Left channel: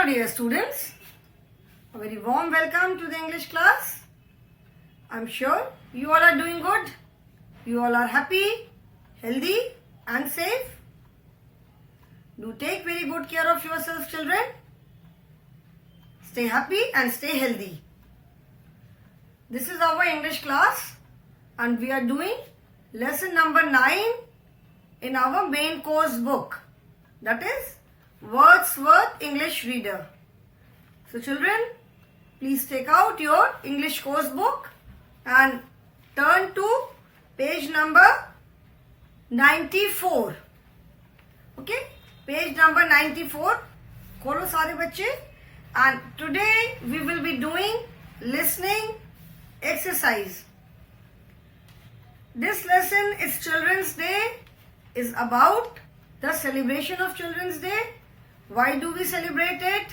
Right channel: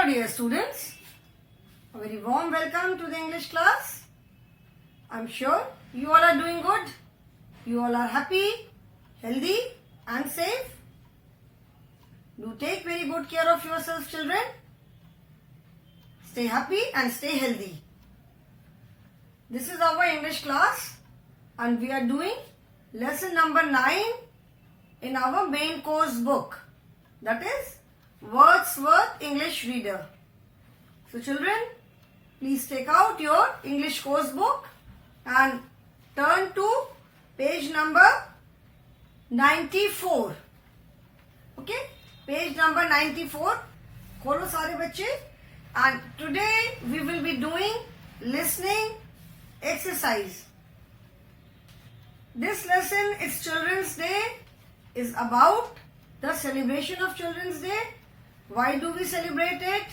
Hello dear students, a very warm welcome to the English class. I'm sure you all are doing good. You all are happy, healthy and safe. Do take very good care of yourselves, children. Stay happy and stay healthy. This is our English class and we are doing lesson number 9 in our main course book, that is Wordsworth English Reader. So children, please take out your English course book and turn to page number 94. Okay, page number 94. खोलो सारे बच्चे. And today we will be doing listening exercise. This lesson, it's Children's Day, is about the celebration of Children's Day. Why do we celebrate it?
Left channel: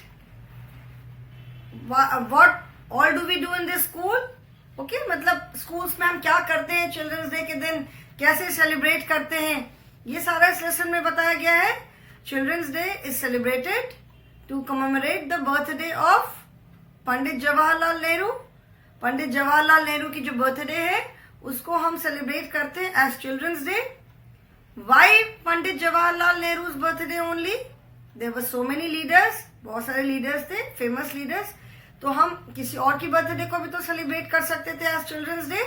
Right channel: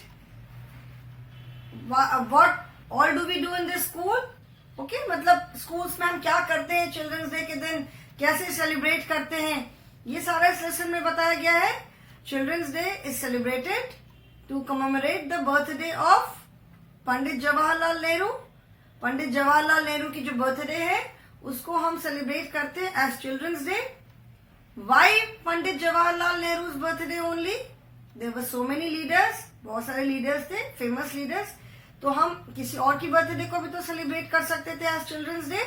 What all do we do in this school? Okay, मतलब schools में हम क्या करते हैं Children's Day के दिन, कैसे celebrate करते हैं, ये सारा इस lesson में बताया गया है. Children's Day is celebrated to commemorate the birthday of Pandit Jawaharlal Nehru. Pandit Jawaharlal Nehru की जो बर्थडे है उसको हम सेलिब्रेट करते हैं as children's day. Why Pandit Jawaharlal Nehru's birthday only? There were so many leaders, बहुत सारे लीडर्स थे, फेमस लीडर्स. तो हम किसी और की बर्थडे को भी तो सेलिब्रेट कर सकते थे as children's day,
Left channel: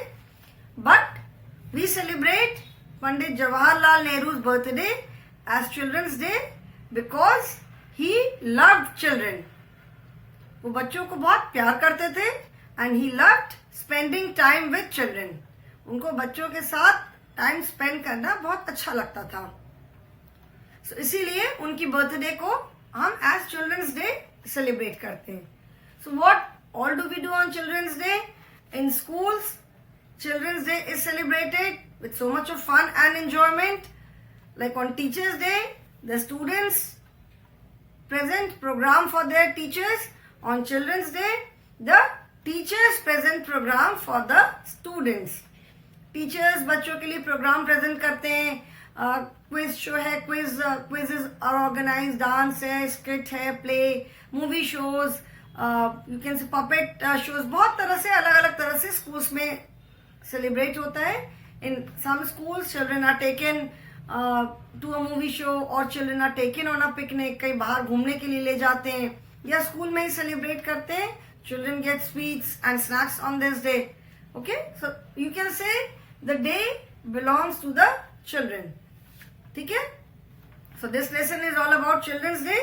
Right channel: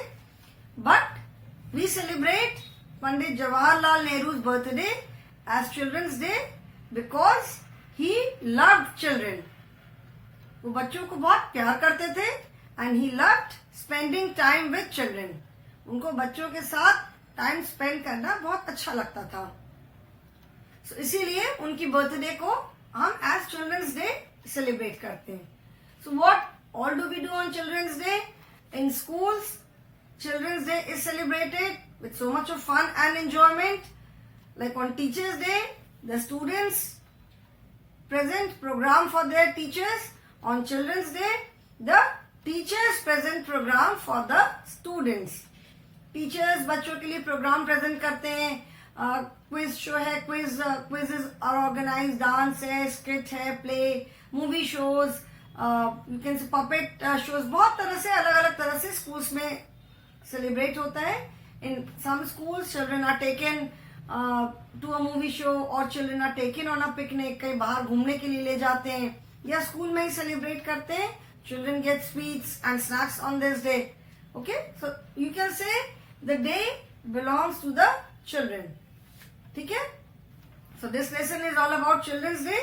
but we celebrate Pandit Jawaharlal Nehru's birthday as children's day because he loved children. वो बच्चों को बहुत प्यार करते थे and he loved spending time with children. उनको बच्चों के साथ टाइम स्पेंड करना बहुत अच्छा लगता था. So, इसीलिए उनकी बर्थडे को हम एज चिल्ड्रंस डे सेलिब्रेट करते हैं. So what all do we do on children's day? In schools children's day is celebrated with so much of fun and enjoyment. Like on teachers day the students present program for their teachers. On Children's Day, the teachers present program for the students. Teachers बच्चों के लिए programme present करते हैं. Quiz show है, quizzes are organise, dance है, skit है, play, movie shows, you can say puppet shows. बहुत तरह से, अलग अलग तरह से स्कूल्स में सेलिब्रेट होता है. In some schools children are taken to a movie show और children are taken on a picnic. कहीं बाहर घूमने के लिए ले जाते हैं या स्कूल में ही सेलिब्रेट करते हैं. Children gate sweets and snacks on this day. Okay, so you can say the day belongs to the children. ठीक है? So this lesson is all about Children's Day.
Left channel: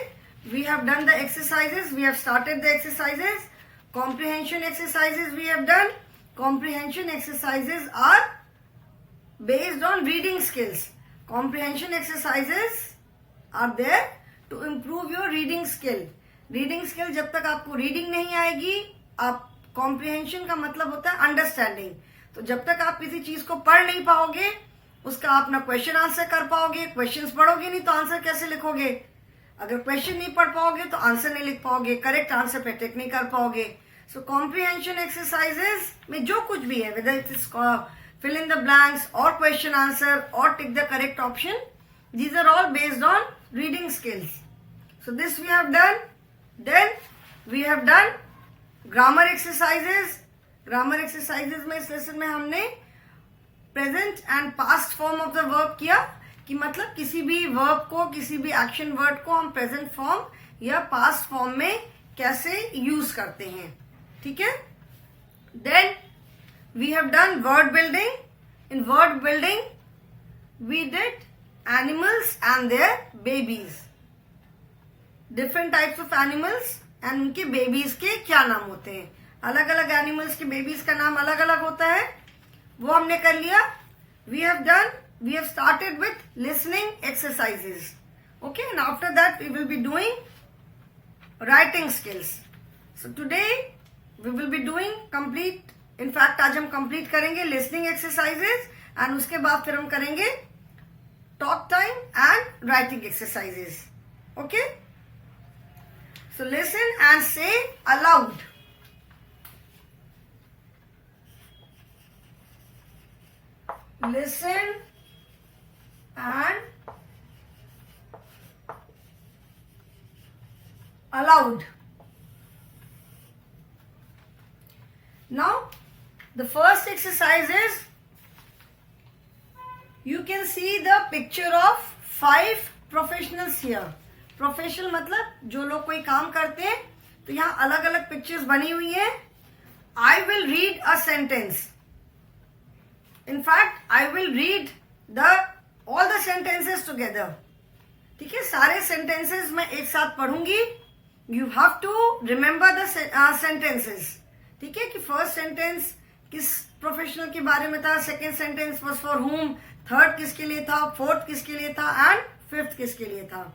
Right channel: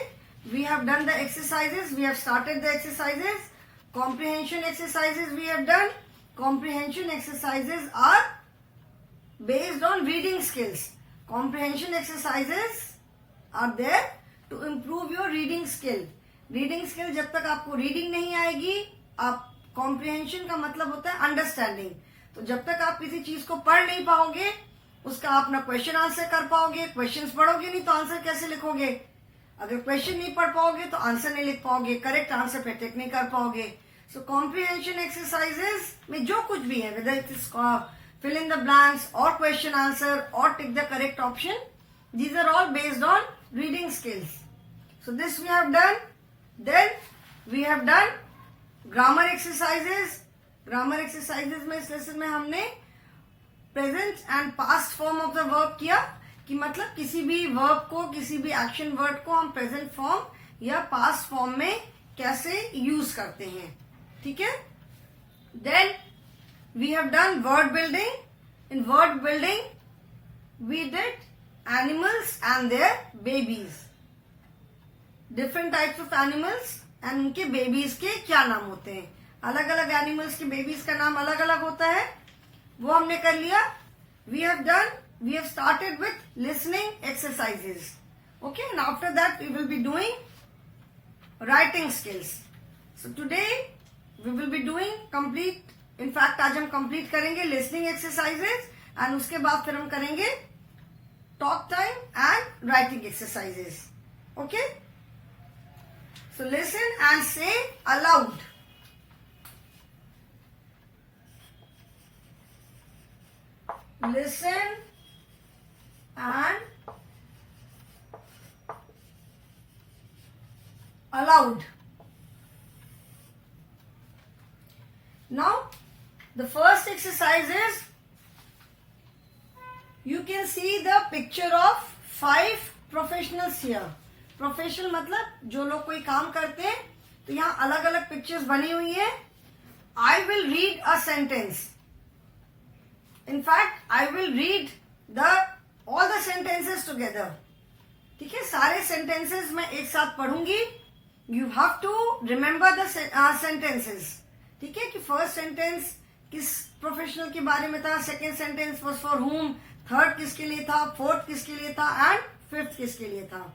We have done the exercises. We have started the exercises. Comprehension exercises we have done. Comprehension exercises are based on reading skills. Comprehension exercises are there to improve your reading skill. Reading skill जब तक आपको reading नहीं आएगी, आप comprehension का मतलब होता है अंडरस्टैंडिंग. तो जब तक आप किसी चीज को पढ़ नहीं पाओगे, उसका आप ना क्वेश्चन आंसर कर पाओगे. क्वेश्चंस पढ़ोगे नहीं तो आंसर कैसे लिखोगे? अगर क्वेश्चन नहीं पढ़ पाओगे तो आंसर नहीं लिख पाओगे, करेक्ट आंसर पे टिक नहीं कर पाओगे. सो कॉम्प्रिहेंशन एक्सरसाइजेस में जो कुछ भी है, whether it is fill in the blanks और क्वेश्चन आंसर और tick the correct option, these are all based on reading skills. So this we have done. Then we have done grammar exercises. Grammar exercises में इस lesson में हमने present and past form of the verb किया, कि मतलब किसी भी verb को, किसी भी एक्शन वर्ड को हम प्रेजेंट फॉर्म या पास्ट फॉर्म में कैसे यूज करते हैं. ठीक है? Then we have done word building. In word building we did animals and their babies. Different types of animals and उनके बेबीज के क्या नाम होते हैं. अलग अलग एनिमल्स के बेबीज का नाम अलग अलग होता है, वो हमने कर लिया. We have started with listening exercises. Okay, and after that we will be doing writing skills. So today we will be doing complete, in fact आज हम कंप्लीट करेंगे लिसनिंग एक्सरसाइजेस एंड उसके बाद फिर हम करेंगे talk time and writing exercises. Okay, so listen and say aloud. Listen and allowed. Now the first exercise is, you can see the picture of 5 professionals here. Professional मतलब जो लोग कोई काम करते हैं, तो यहाँ अलग अलग पिक्चर्स बनी हुई है. I will read a sentence. In fact I will read all the sentences together. ठीक है, सारे सेंटेंसेस मैं एक साथ पढ़ूंगी. You have to remember the sentences. ठीक है, कि फर्स्ट सेंटेंस किस प्रोफेशनल के बारे में था, सेकेंड सेंटेंस वाज फॉर हुम, थर्ड किसके लिए था, फोर्थ किसके लिए था, एंड फिफ्थ किसके लिए था.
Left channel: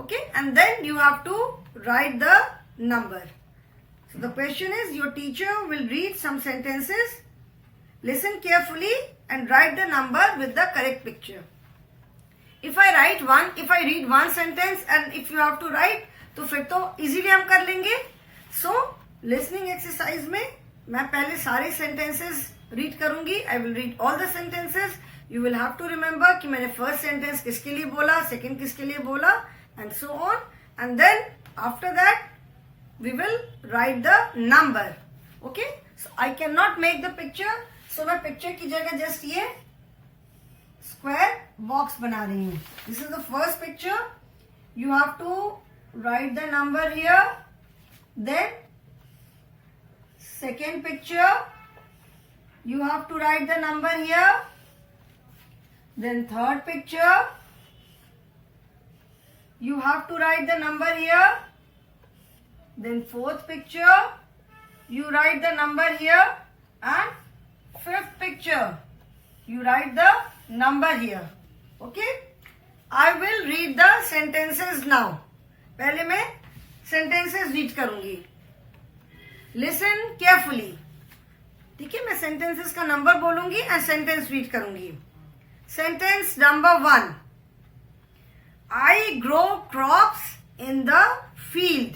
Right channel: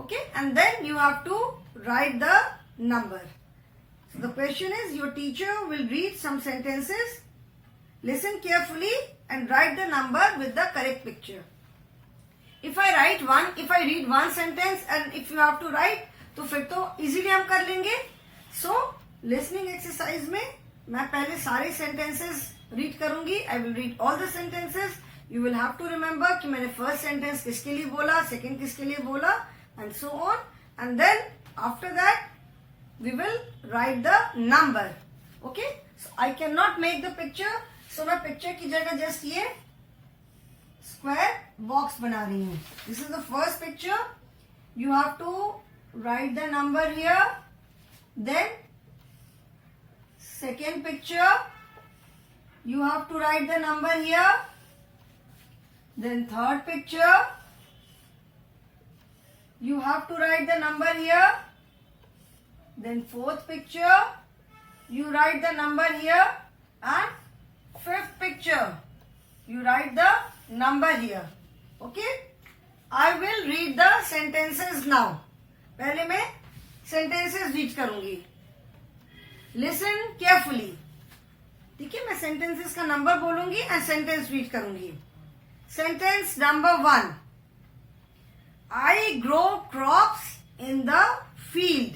Okay, and then you have to write the number. So the question is, your teacher will read some sentences, listen carefully and write the number with the correct picture. If I read one sentence and if you have to write, तो फिर तो easily हम कर लेंगे. So listening exercise में मैं पहले सारे sentences read करूंगी. I will read all the sentences. You will have to remember कि मैंने first sentence किसके लिए बोला, second किसके लिए बोला, and so on. And then after that we will write the number. Okay, so I cannot make the picture, so मैं picture की जगह just ये square box बना रही हूँ. This is the first picture. You have to write the number here. Then second picture, you have to write the number here. Then third picture, you have to write the number here. Then fourth picture, you write the number here. And fifth picture, you write the number here. Okay, I will read the sentences now. पहले मैं sentences read करूंगी. Listen carefully. ठीक है, मैं sentences का number बोलूंगी and sentence read करूंगी. Sentence number 1. I grow crops in the field.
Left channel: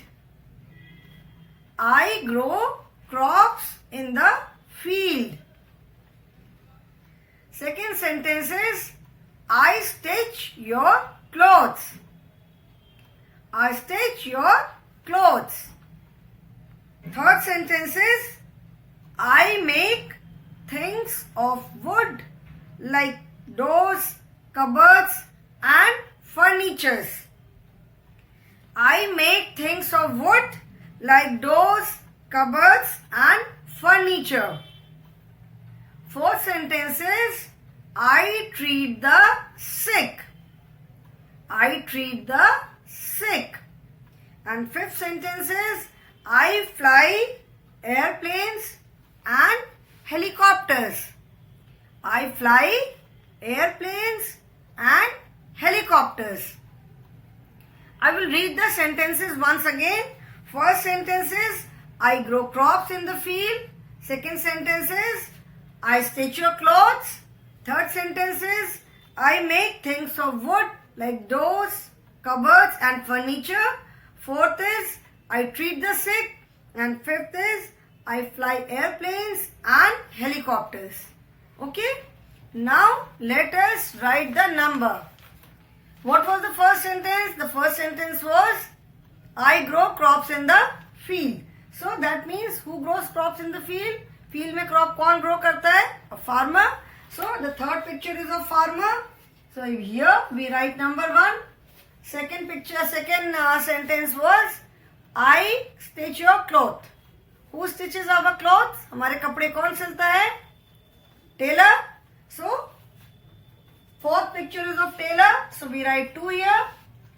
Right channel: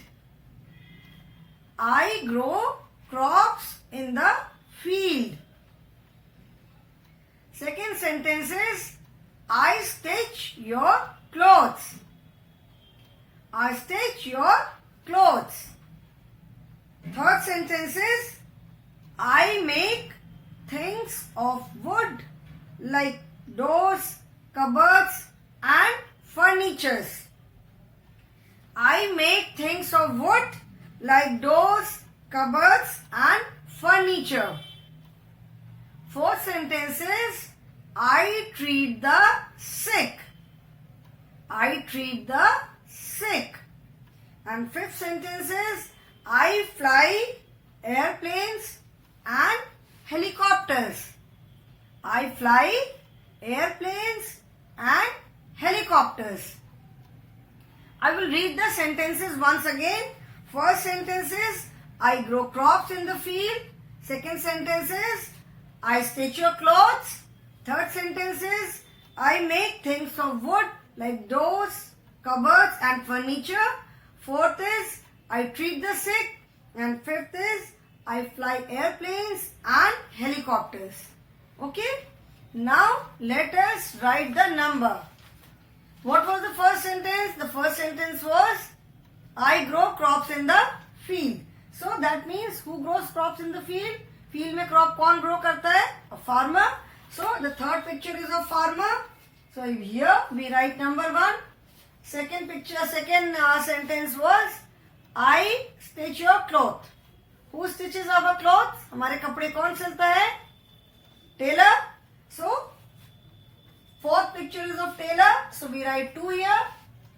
I grow crops in the field. Second sentence is, I stitch your clothes. I stitch your clothes. Third sentence is, I make things of wood like doors, cupboards and furnitures. I make things of wood like doors, cupboards and furniture. Fourth sentence is, I treat the sick. I treat the sick. And fifth sentence is, I fly airplanes and helicopters. I fly airplanes and helicopters. I will read the sentences once again. First sentence is, I grow crops in the field. Second sentence is, I stitch your clothes. Third sentence is, I make things of wood like doors, cupboards and furniture. Fourth is, I treat the sick. And fifth is, I fly airplanes and helicopters. Okay? Now let us write the number. What was the first sentence? The first sentence was, I grow crops in the field. So that means who grows crops in the field? Field में crop कौन grow करता है? A farmer. So the third picture is of farmer. So here we write number 1. Second sentence was, I stitch your cloth. Who stitches our clothes? हमारे कपड़े कौन सिलता है? Tailor. So fourth picture is of tailor. So we write 2 here.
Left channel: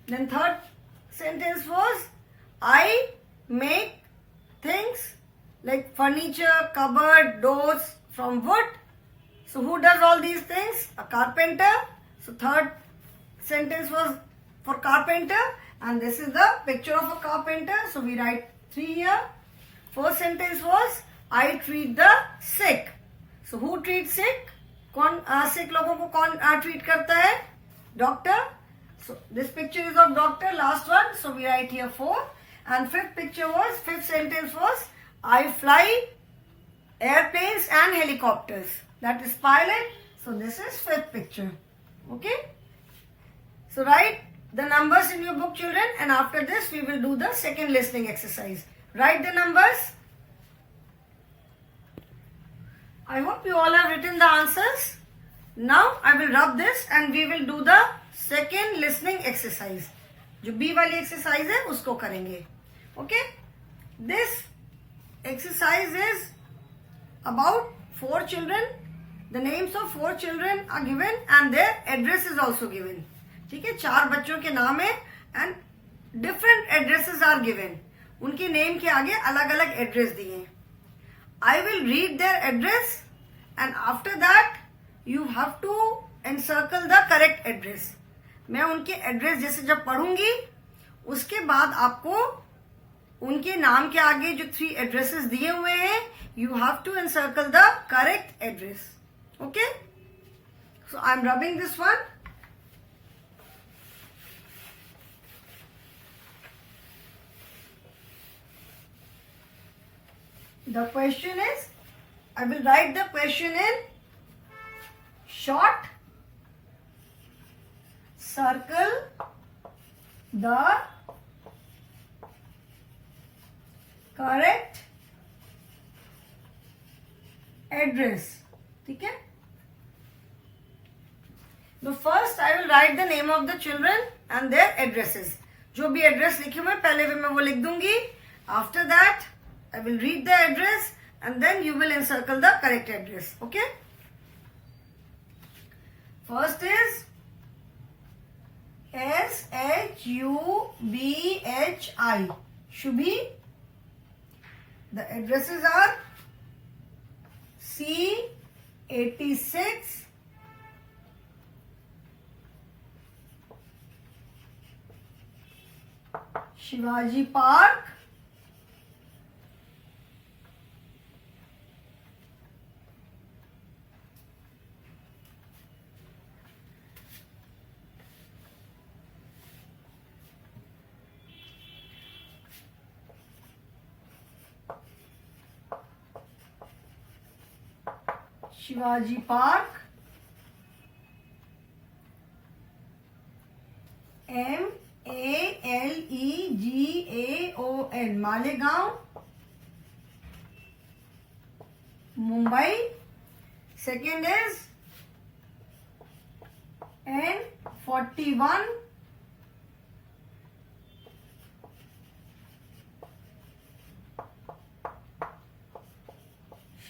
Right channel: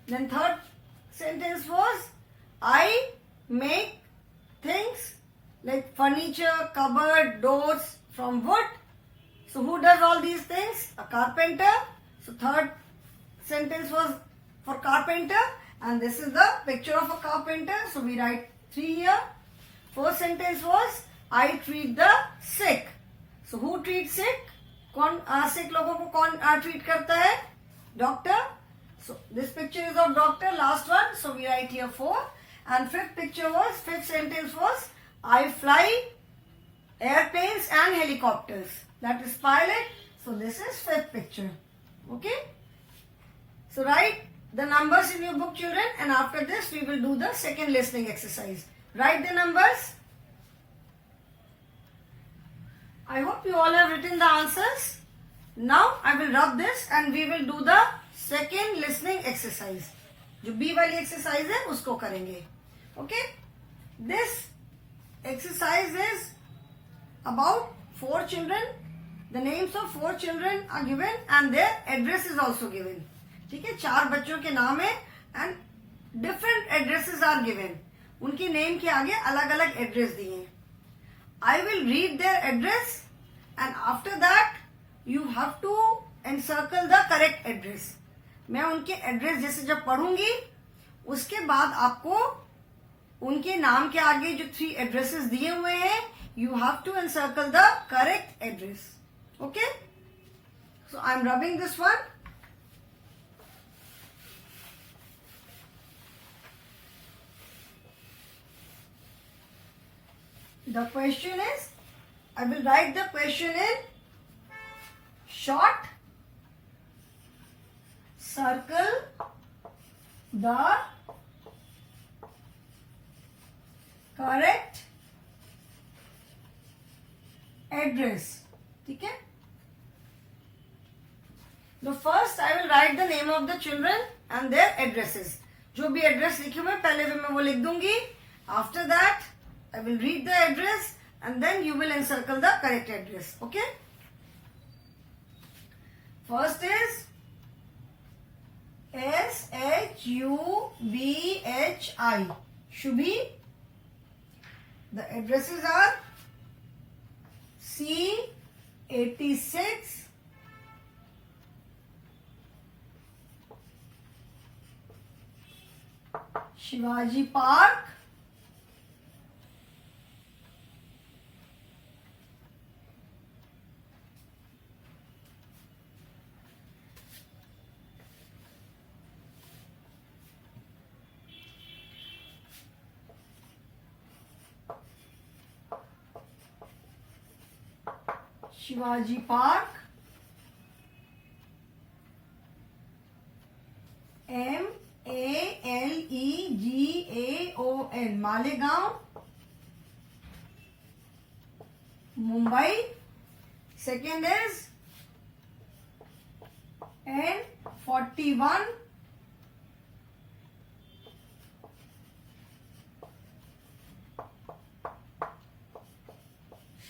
Then third sentence was, I make things like furniture, cupboard, doors from wood. So who does all these things? A carpenter. So third sentence was for carpenter. And this is the picture of a carpenter. So we write 3 here. Fourth sentence was, I treat the sick. So who treats sick? कौन sick लोगों को कौन treat करता है? Doctor. So this picture is of doctor. Last one. So we write here 4. And fifth sentence was, I fly airplanes and helicopters. That is pilot. So this is fifth picture. Okay. So write the numbers in your book, children, and after this we will do the second listening exercise. Write the numbers. I hope you all have written the answers. Now I will rub this and we will do the second listening exercise. जो B वाली exercise है उसको करेंगे. Okay, this exercise is about 4 children. The names of 4 children are given and their address is also given. ठीक है, 4 बच्चों के नाम है and different addresses are given. उनके नेम के आगे अलग अलग एड्रेस दिए हैं. I will read their address and after that you have to encircle the correct address. मैं उनके एड्रेस जैसे जब पढ़ूंगी उसके बाद आपको उनके नाम के आगे जो 3 एड्रेसेस दिए हुए हैं you have to encircle the correct address. Okay? So I am rubbing this one. The question is, I will write the question in short. Circle the correct address. ठीक है? The first I will write the name of the children and their addresses. जो भी address लिखे हुए पहले भी मैं वो लिख दूंगी. After that I will read the address and then you will encircle the correct address. Okay? First is SHUBHI. Shubhi. The addresses are C86, Shivaji Park, Shivaji Park, Malegaon, Malegaon, Mumbai. Second is N41,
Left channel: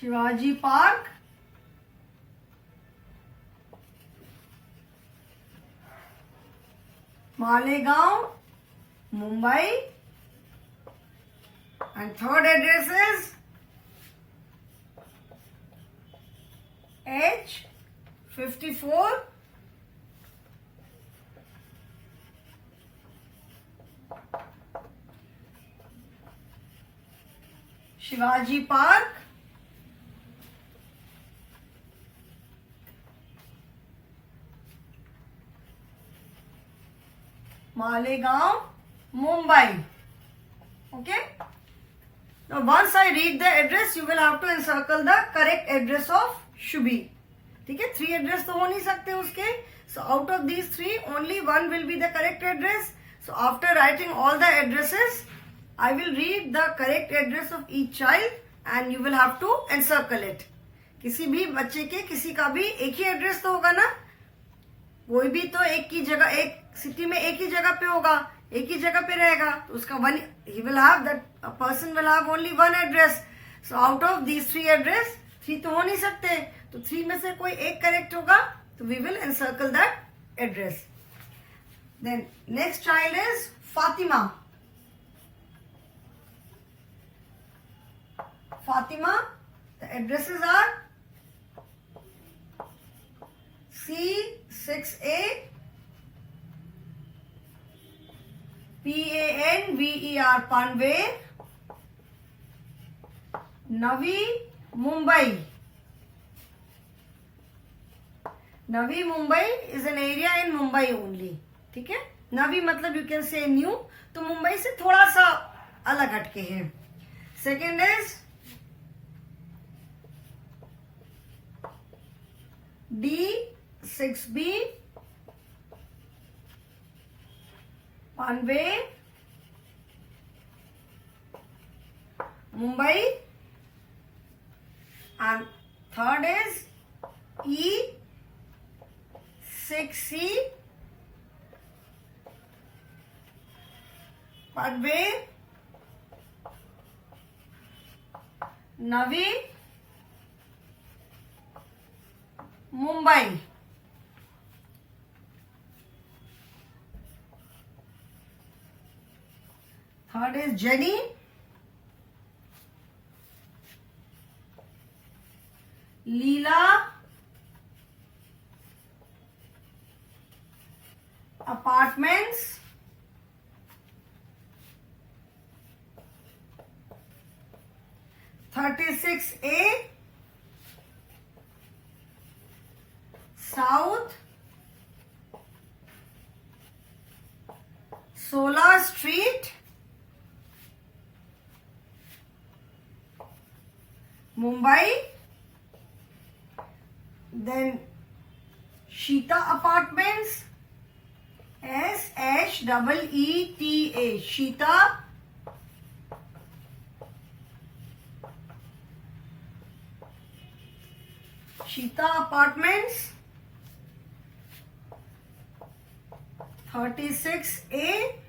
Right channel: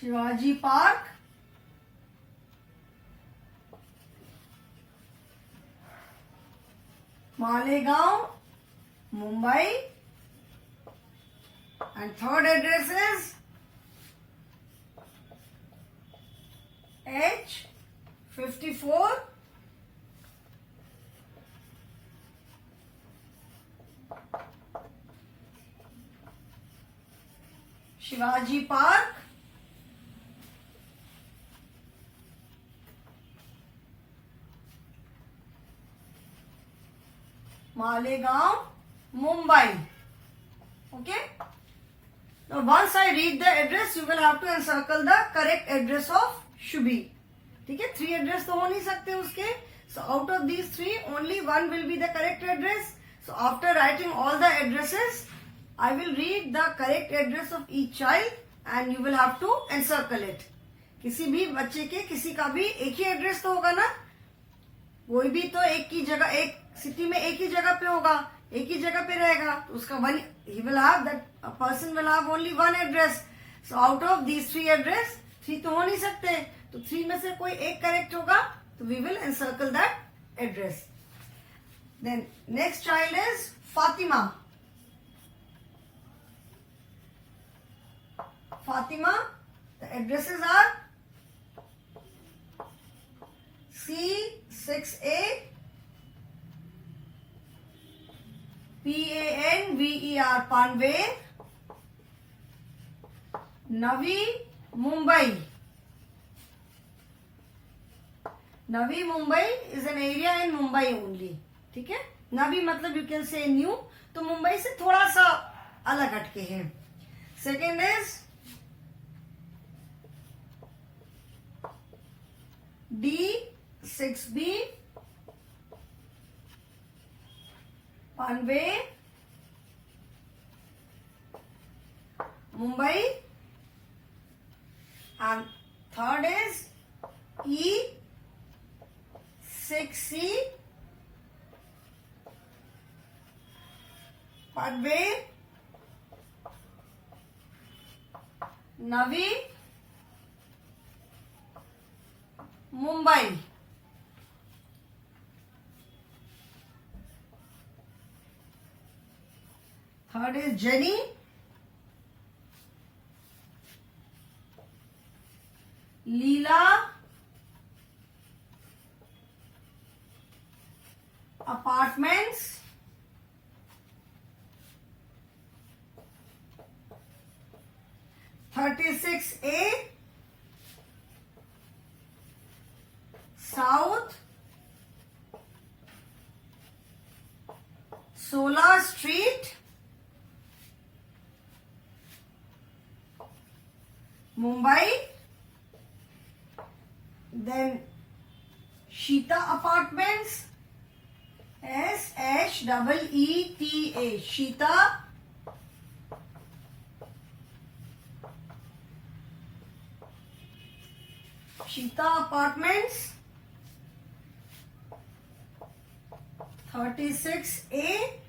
Shivaji Park, Malegaon, Mumbai. And third address is H54, Shivaji Park, Malegaon, Mumbai. Okay? Now once I read the address, you will have to encircle the correct address of Shubhi. ठीक है, 3 address तो हो नहीं सकते उसके. So out of these 3, only one will be the correct address. So after writing all the addresses, I will read the correct address of each child and you will have to encircle it. किसी भी बच्चे के किसी का भी एक ही address तो होगा ना. कोई भी तो एक की जगह, एक सिटी में एक ही जगह पे होगा, एक ही जगह पे रहेगा, तो उसका one he will have, that person will have only one address. So out of these 3 address 3 तो हो नहीं सकते, तो 3 में से कोई एक करेक्ट होगा, तो we will encircle that address. Then next child is Fatima. Fatima, the addresses are C6A, PANVER, Panvel, Navi Mumbai. Navi Mumbai is an area in Mumbai only. ठीक है, नवी मतलब यू कैन से न्यू, तो मुंबई से थोड़ा सा अलग हटके हैं. Second is D6B, Panve, Mumbai, and third is E6C, Padve, Navi, Mumbai. Third is Jenny, Leela, Apartments, (36A) South Solar Street, Mumbai. Then Sheeta Apartments, SHEETA, Sheeta. Sheeta Apartments, 36A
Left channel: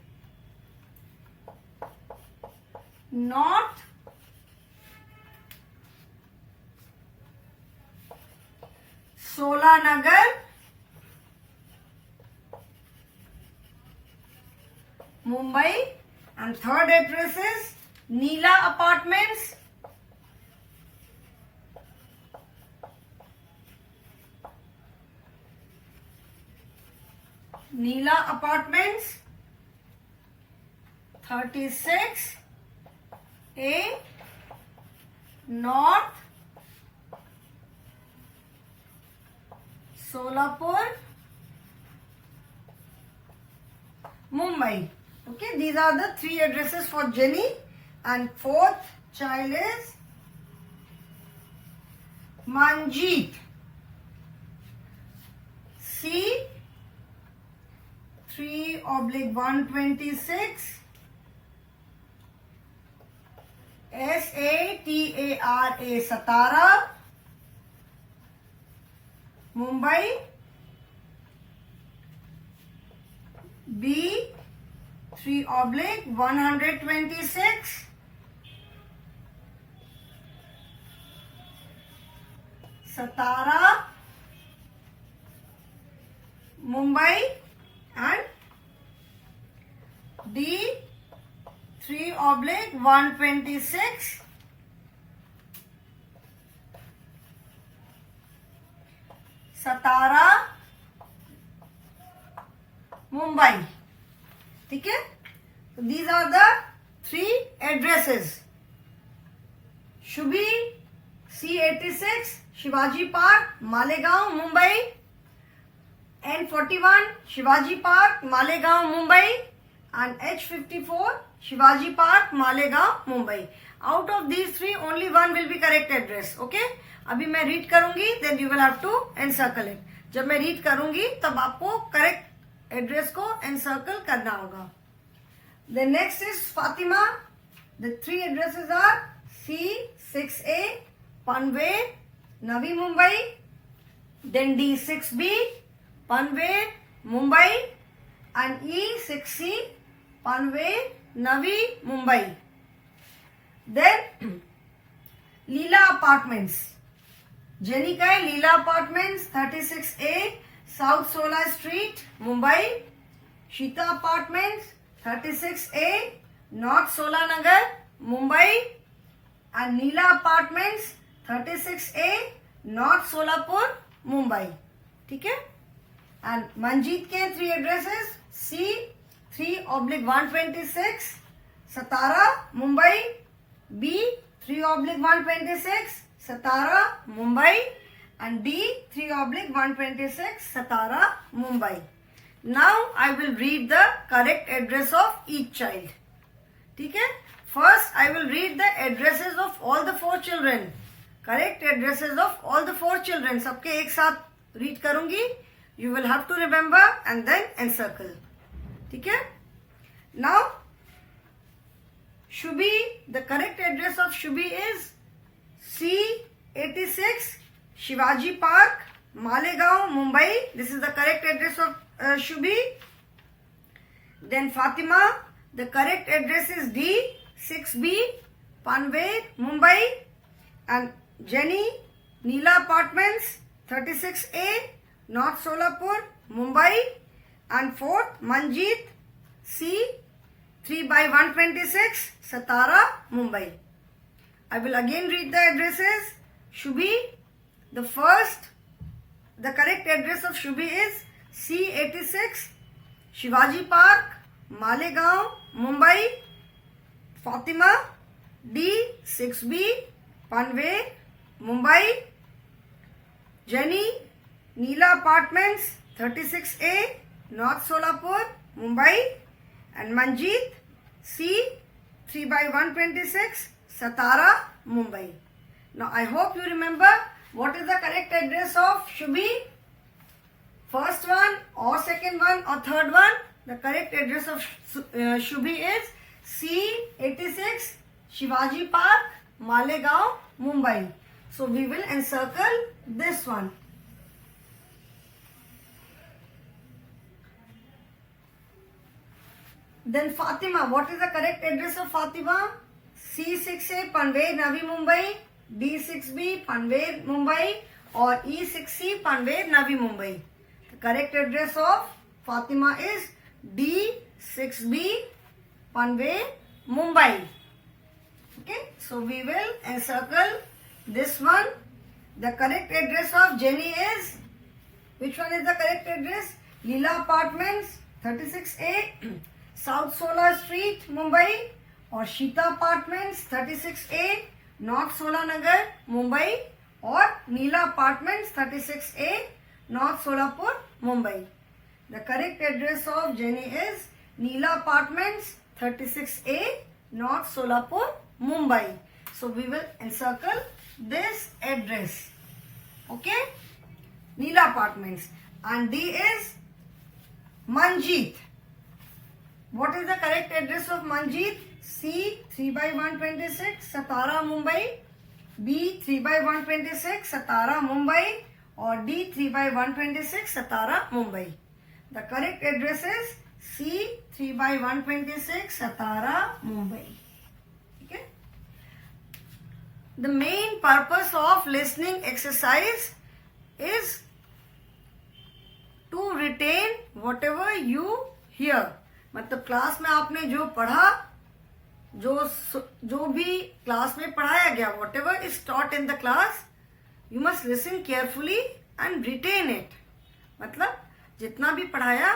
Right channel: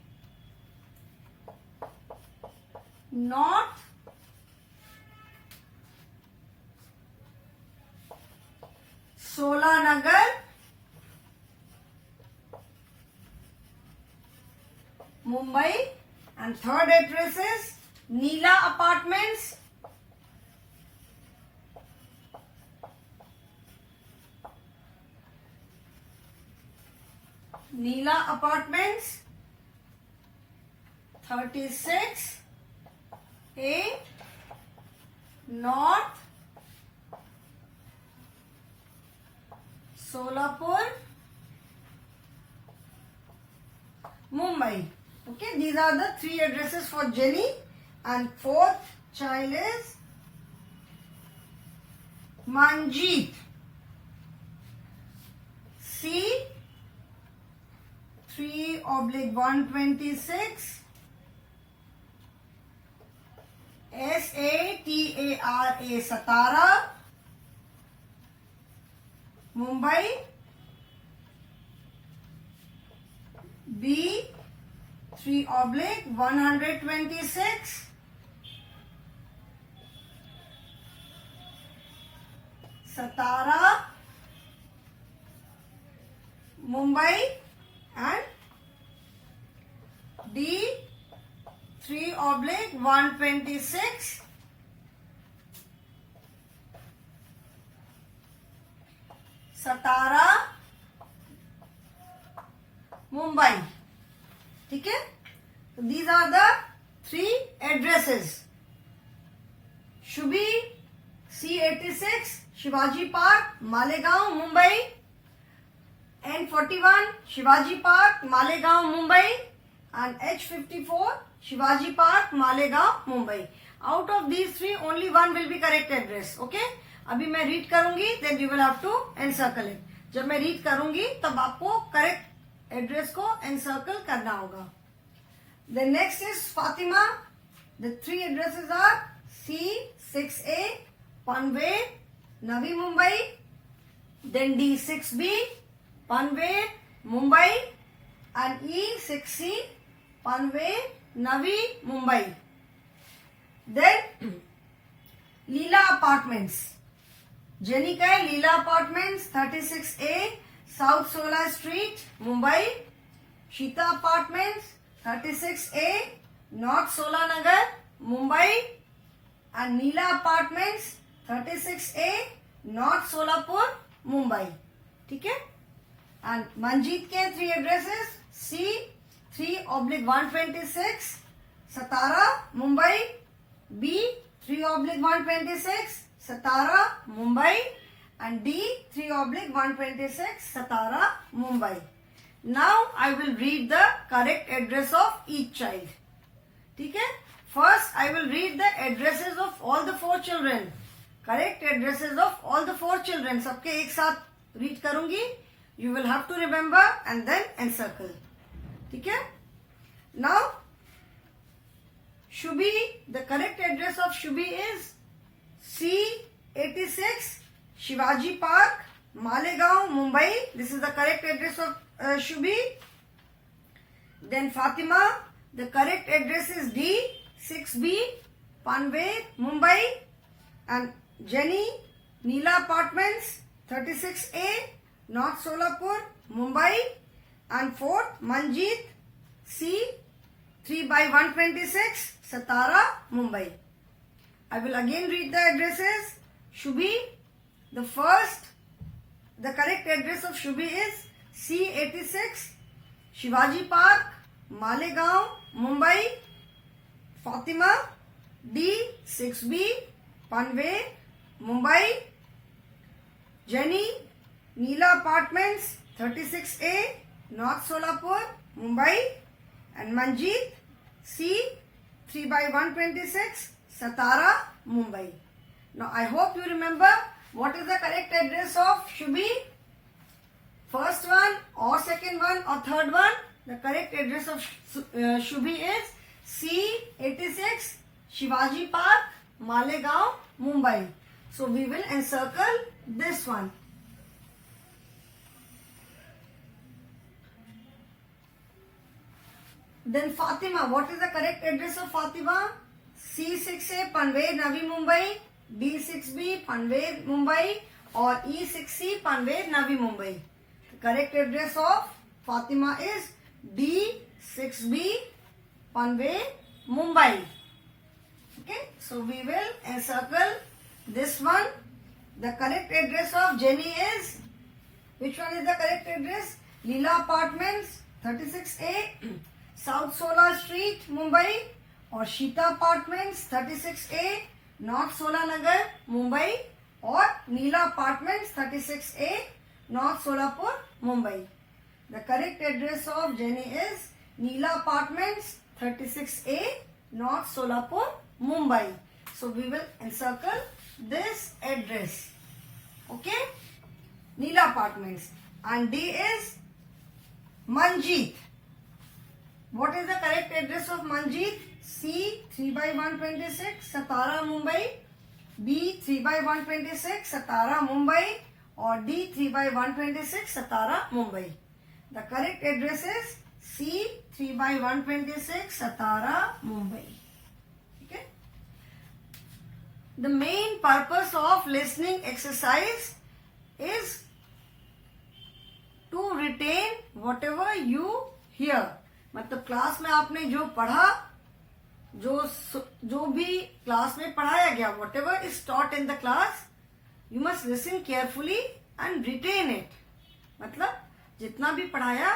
North Solanagar, Mumbai. And third address is Neela Apartments, Neela Apartments, 36A North Solapur, Mumbai. Okay, these are the three addresses for Jenny. And fourth child is Manjeet, C3/126 SATARA, Satara, Mumbai. B3/126 Satara, Mumbai. And D3/126 Satara, Mumbai. ठीक है, so these are the three addresses. Shubhi, C86 Shivaji Park, Malegaon, Mumbai. N41 Shivaji Park, Malegaon, Mumbai. And H54 Shivaji Park, Malegaon, Mumbai. Out of these three, only one will be correct address. Okay? अभी मैं read करूंगी, then you will have to encircle it. जब मैं read करूंगी तब आपको correct address को encircle करना होगा. The next is Fatima. The three addresses are C6A Panve, Navi, Mumbai. Then D6B Panve, Mumbai. And E6C Panve, Navi, Mumbai. Then Leela Apartments. Jenny का है Leela apartments 36A south solar street, Mumbai. Sheeta apartments 36A north Solanagar, Mumbai. And Neela apartments 36A north Solapur, Mumbai. ठीक है. And Manjeet के three addresses C3/126 Satara, Mumbai. B3/126 Satara, Mumbai. And D3/126 Satara, Mumbai. Now I will read the correct address of each child. ठीक है. First I will read the addresses of all the four children. Correct addresses of all the four children. सबके एक साथ read करूंगी. You will have to remember and then encircle. ठीक है. Now, Shubhi, the correct address of Shubhi is C86 Shivaji Park, Malegaon, Mumbai. This is the correct address of Shubhi. Then Fatima, the correct address is D6B, Panvel, Mumbai. And Jenny, Neela Apartments, 36A, North Solapur, Mumbai. And fourth, Manjeet, C, 3/126, Satara, Mumbai. I will again read the addresses. Shubhi, the correct address of Shubhi is C86, Shivaji Park, Malegaon, Mumbai. Fatima, D6B, Panvel, Mumbai. Jenny, Neela Apartments, 36A, North Solapur, Mumbai. And Manjeet, C, 3/126, Satara, Mumbai. Now I hope you remember what is the correct address of Shubhi. First one or second one or third one. The correct address of Shubhi is C86 Shivaji Park, Malegaon, Mumbai. So we will encircle this one. Then Fatima, what is the correct address of Fatima? C6A Panvel, Navi Mumbai, D6B Panvel, Mumbai, or E6C Panvel, Navi Mumbai. The correct address of Fatima is D6B Panvel, Mumbai. Okay, so we will encircle this one. The correct address of Jenny is, which one is the correct address? Leela Apartments, 36A, South Sola Street, Mumbai, or Sheeta Apartments, 36A, North Sola Nagar, Mumbai, or Neela Apartments, 36A, North Solapur, Mumbai. The correct address of Jenny is Neela Apartments, 36A, North Solapur, Mumbai. So we will encircle this address. Okay? Neela Apartments. And D is Manjeet. What is the correct address of Manjeet? C, 3/126, Satara, Mumbai. B, 3/126, Satara, Mumbai. Or D, 3/126, Satara, Mumbai. The correct address is C, 3/126, Satara, Mumbai. Okay. The main purpose of listening exercise is to retain whatever you hear. मतलब class में आपने जो पढ़ा, जो भी class में पढ़ाया गया, whatever is taught in the class, you must listen carefully and retain it. मतलब जितना भी पढ़ाया,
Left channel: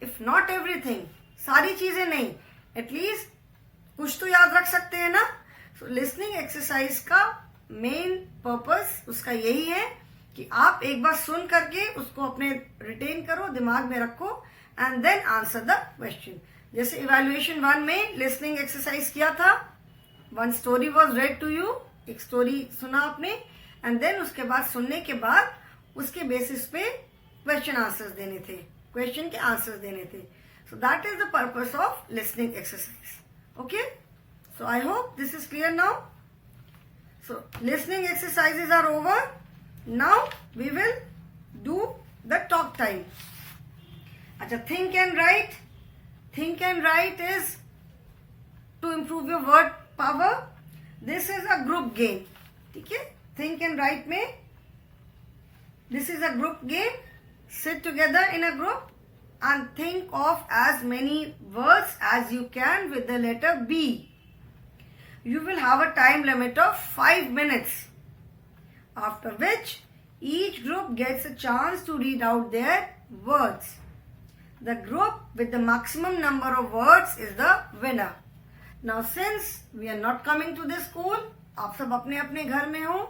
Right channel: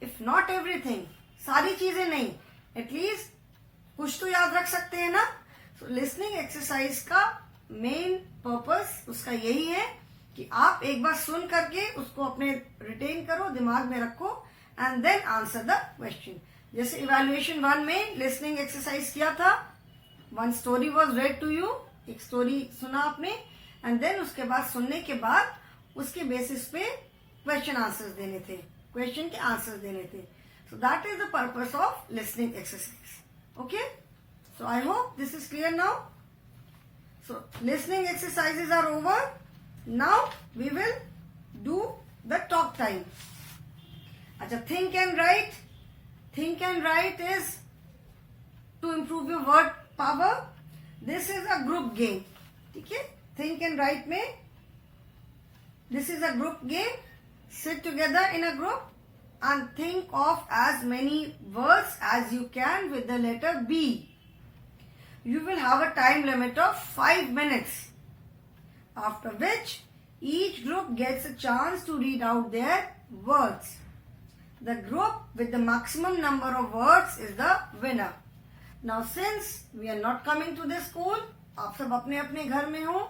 if not everything, सारी चीजें नहीं, at least कुछ तो याद रख सकते हैं ना. So listening exercise का main purpose उसका यही है कि आप एक बार सुन करके उसको अपने रिटेन करो, दिमाग में रखो, and then answer the question. जैसे इवैल्यूएशन 1 में लिसनिंग एक्सरसाइज किया था, one story was read to you, एक स्टोरी सुना आपने, एंड देन उसके बाद सुनने के बाद उसके बेसिस पे क्वेश्चन आंसर्स देने थे, क्वेश्चन के आंसर्स देने थे. So that is the purpose of listening exercise. Okay, so I hope this is clear now. So listening exercises are over. Now we will do the talk time. अच्छा, think and write. Think and write is to improve your word power. This is a group game. ठीक है, think and write में this is a group game. Sit together in a group and think of as many words as you can with the letter B. You will have a time limit of 5 minutes, after which each group gets a chance to read out their words. The group with the maximum number of words is the winner. Now since we are not coming to this school, आप सब अपने अपने घर में हो,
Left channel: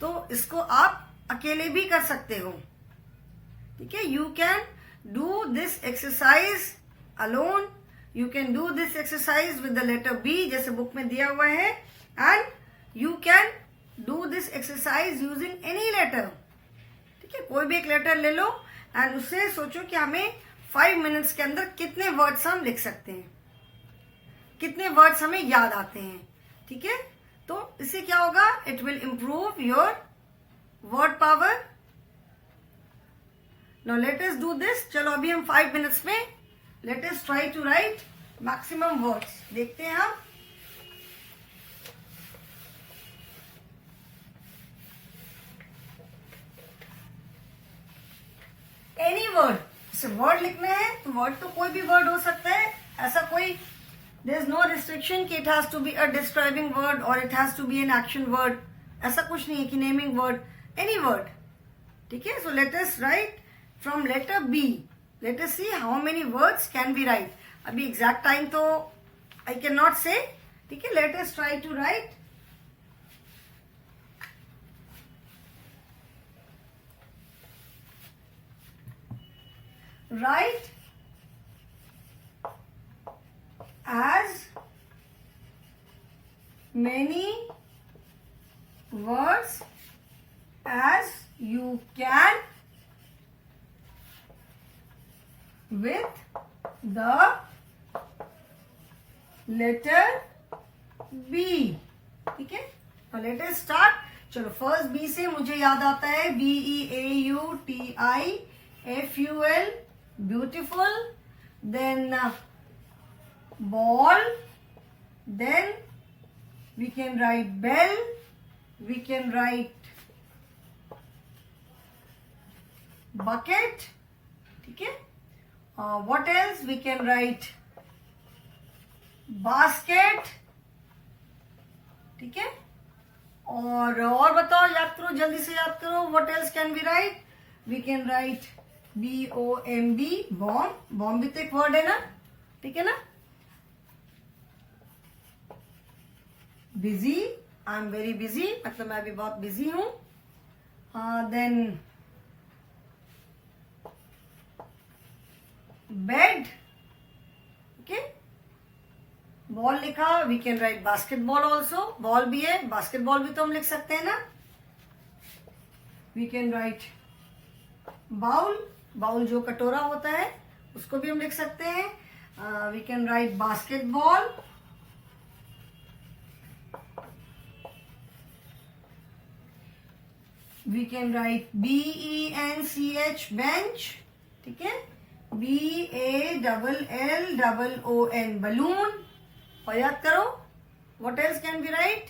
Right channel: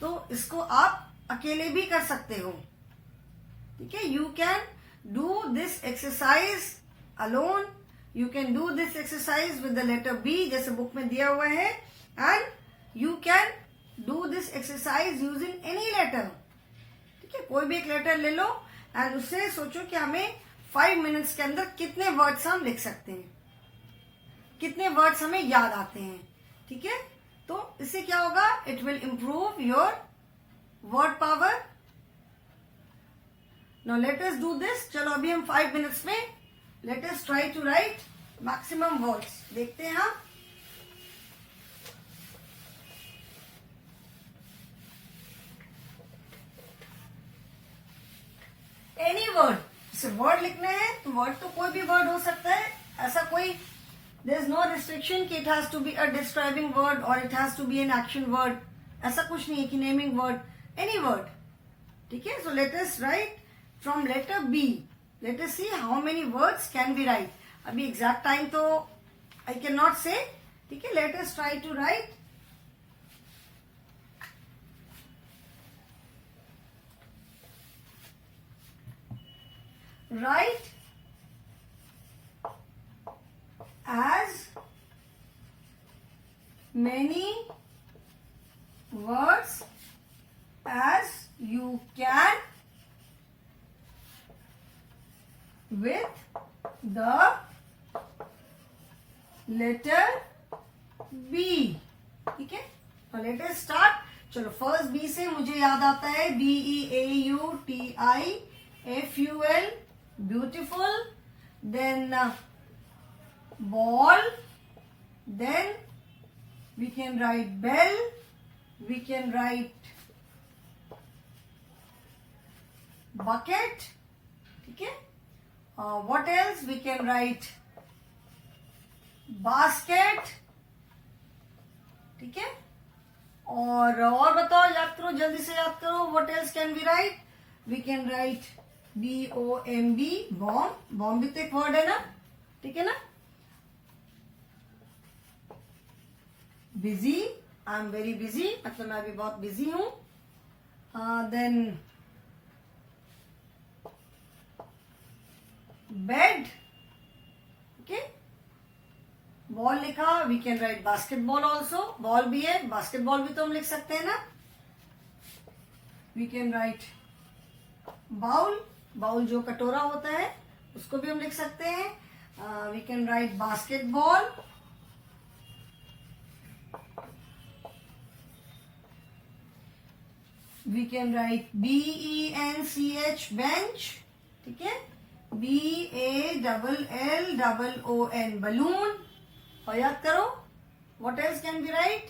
तो इसको आप अकेले भी कर सकते हो. ठीक है, you can do this exercise alone, you can do this exercise with the letter B जैसे बुक में दिया हुआ है, and you can do this exercise using any letter. ठीक है, कोई भी एक लेटर ले लो एंड उससे सोचो कि हमें 5 मिनट्स के अंदर कितने वर्ड्स हम लिख सकते हैं. कितने वर्ड्स हमें याद आते हैं, ठीक है। तो इससे क्या होगा, it will improve your word power. Now let us do this. चलो अभी हम 5 मिनट्स में let us try to write maximum words. देखते हैं हम। एनी वर्ड, जैसे वर्ड लिखने हैं तो वर्ड तो कोई भी वर्ड हो सकता है, ऐसा कोई देयर इज नो रिस्ट्रिक्शन कि it has to be a describing word और it has to be an action word, ऐसा कुछ नहीं है कि नेमिंग वर्ड, एनी वर्ड, ठीक है। So let us write from letter B. Let us see how many words can be write. अभी exact time तो आई कैन नॉट से, ठीक है। Let us try to write. Write as many words as you can with the letter B, ठीक है। और let us start. चलो first B से मुझे याद आता है BEAUTIFUL, beautiful, then ball, then we can write bell, we can write bucket, ठीक है। What else we can write, basket, ठीक है। और बताओ, याद करो, जल्दी से याद करो। What else can we write? We can write BOMB, bomb. Bomb भी तो एक वर्ड है ना, ठीक है ना। Busy, I am very busy, मतलब मैं अभी बहुत बिजी हूं। Then bed, okay. बॉल लिखा, we can write basketball also, ball भी है, बास्केटबॉल भी तो हम लिख सकते हैं ना। We can write bowl, bowl जो कटोरा होता है उसको भी हम लिख सकते हैं। We can write basketball, we can write BENCH, bench, ठीक है। BALLON, balloon. और याद करो, what else can be write,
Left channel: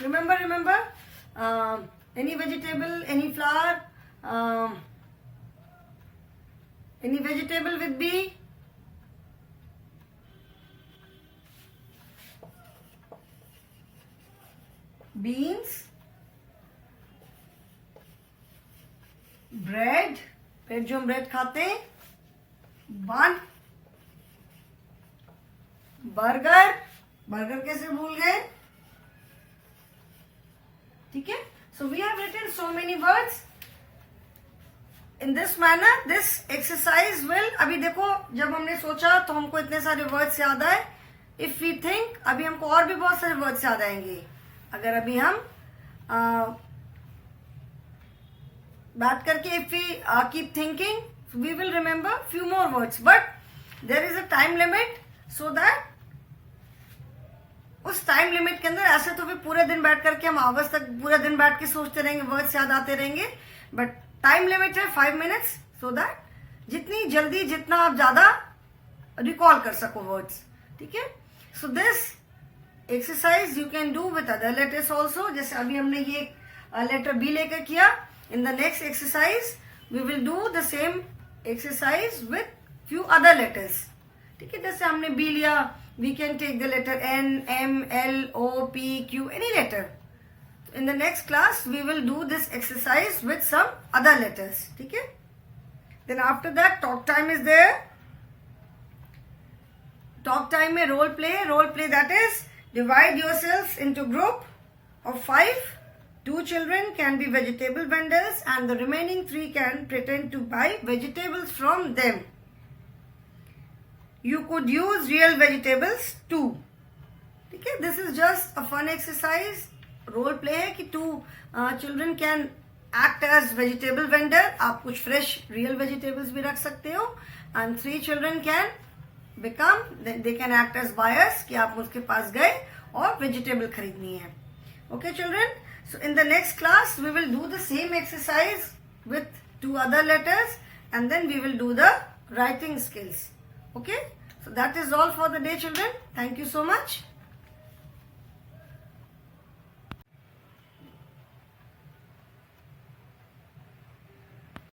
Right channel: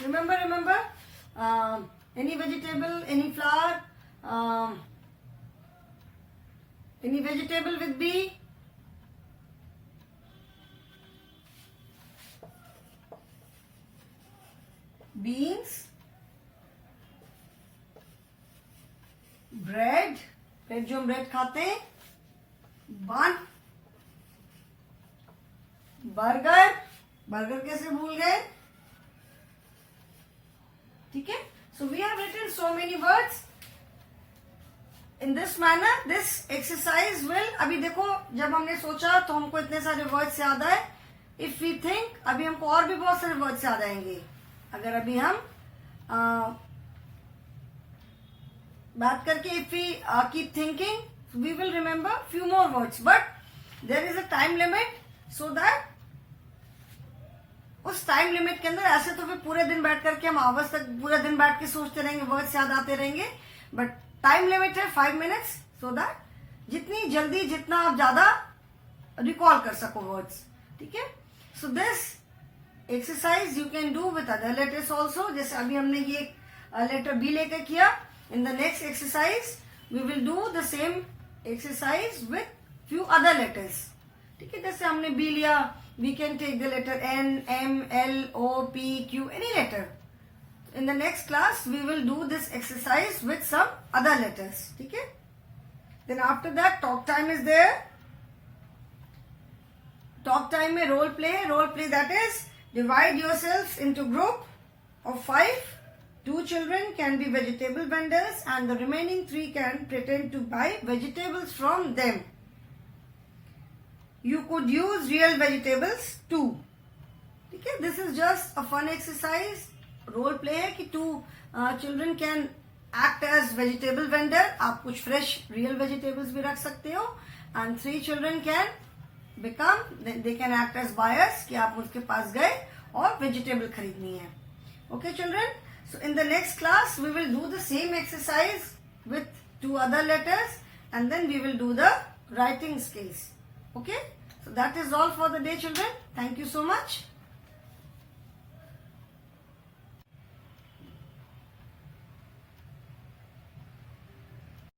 remember any vegetable, any flower, any vegetable with B, beans, bread, bread जो हम ब्रेड खाते हैं, bun, बर्गर, बर्गर कैसे भूल गए, ठीक है। So we have written so many words in this manner. This exercise will, अभी देखो जब हमने सोचा तो हमको इतने सारे वर्ड्स याद आए। इफ वी थिंक, अभी हमको और भी बहुत सारे वर्ड्स याद आएंगे। अगर अभी हम बात करके, if we keep thinking, we will remember few more words, but there is a time limit, so that उस टाइम लिमिट के अंदर, ऐसे तो फिर पूरे दिन बैठ करके हम आवर्स तक पूरे दिन बैठ के सोचते रहेंगे, वर्ड्स याद आते रहेंगे, बट टाइम लिमिट है 5 मिनट्स, सो दैट जितनी जल्दी, जितना आप ज्यादा रिकॉल कर सको वर्ड्स, ठीक है। So this exercise you can do with other letters also. जैसे अभी हमने ये लेटर बी लेकर किया, in the next exercise we will do the same exercise with few other letters, ठीक है। जैसे हमने बी लिया, we can take the letter N, M, L, O, P, Q, any letter. In the next class, we will do this exercise with some other letters. Okay? Then after that, talk time is there. Talk time में role play. Role play, that is, divide yourselves into group of 5. 2 children can be vegetable vendors and the remaining 3 can pretend to buy vegetables from them. You could use real vegetables too. Okay, this is just a fun exercise. Role play है कि 2 children can act as vegetable vendor. आप कुछ fresh real vegetables भी रख सकते हो. And 3 children can become, they can act as buyers कि आप उसके पास गए और vegetable खरीदनी है. Okay children, so in the next class we will do the same exercise with 2 other letters and then we will do the writing skills. Okay, so that is all for the day children. Thank you so much.